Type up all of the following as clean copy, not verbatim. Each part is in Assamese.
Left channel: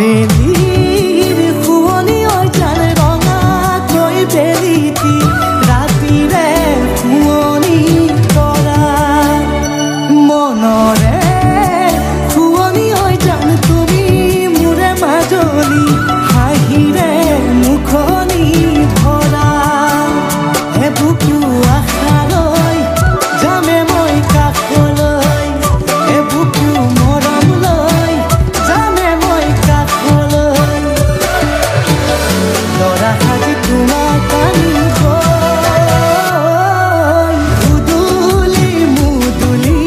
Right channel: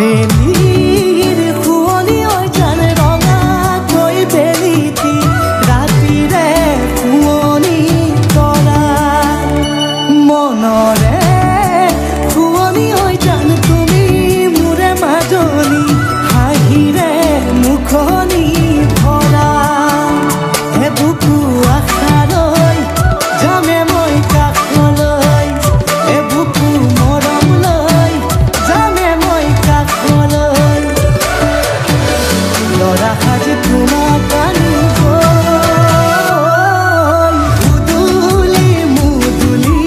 বেলিৰ শুৱনি ঐ জান ৰঙাকৈ বেলিতি ৰাতিৰে শুৱনি তৰা মনৰে শুৱনি ঐ জান তুমি মোৰে মাজনী হাঁহিৰে মুখনি ভৰা এ বুকু আশালৈ যামে মই কাষলৈ এ বুকু মৰম লৈ যামে মই কাষলৈ লৰা সাজি তোমাক আনিম উদুলি মুদুলি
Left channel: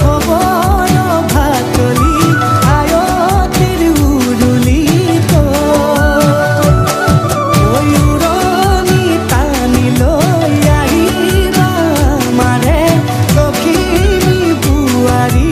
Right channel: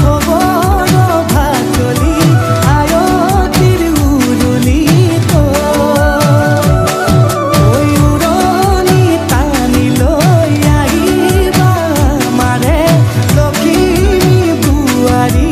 খবৰ ভাতলি আয়তিৰ উৰুলি তই উৰণি টানি লৈ আহিবা মাৰে লখিমী বুৱাৰী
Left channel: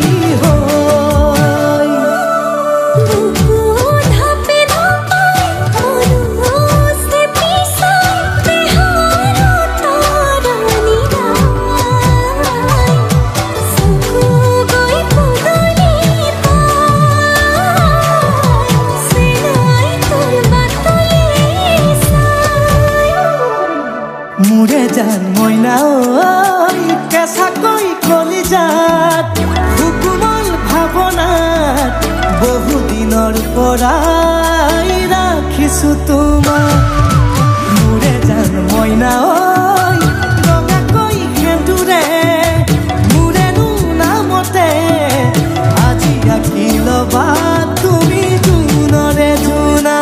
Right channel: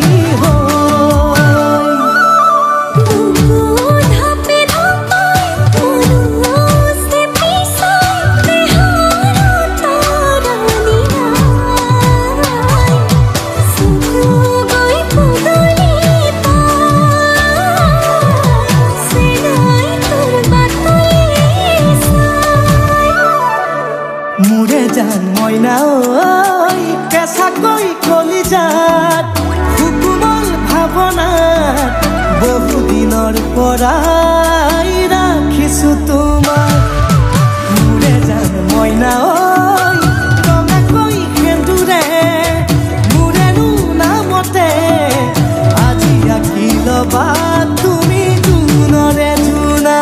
মোৰে জান মইনা ঐ কেঁচাকৈ কলিজাত সুকুমল ভাৱনাত বহুদিনৰ পৰাই ৰাখিছো তোমাক মোৰে জান মইনা ঐ ৰঙাকৈ সেন্দুৰে মোৰেনো নামতে আজি আঁকি ল'বা তুমি জোনৰে জোনা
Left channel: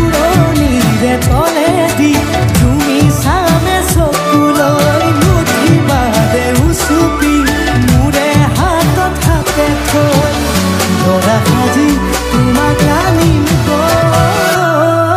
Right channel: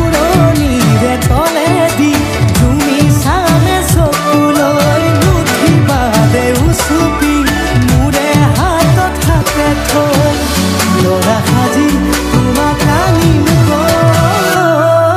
উৰণিৰে তলেদি তুমি চামে চকুলৈ নুঠিবা দে উচুপি মোৰে হাতত হাতে থৈ দৰা সাজি তোমাক আনিম গৈ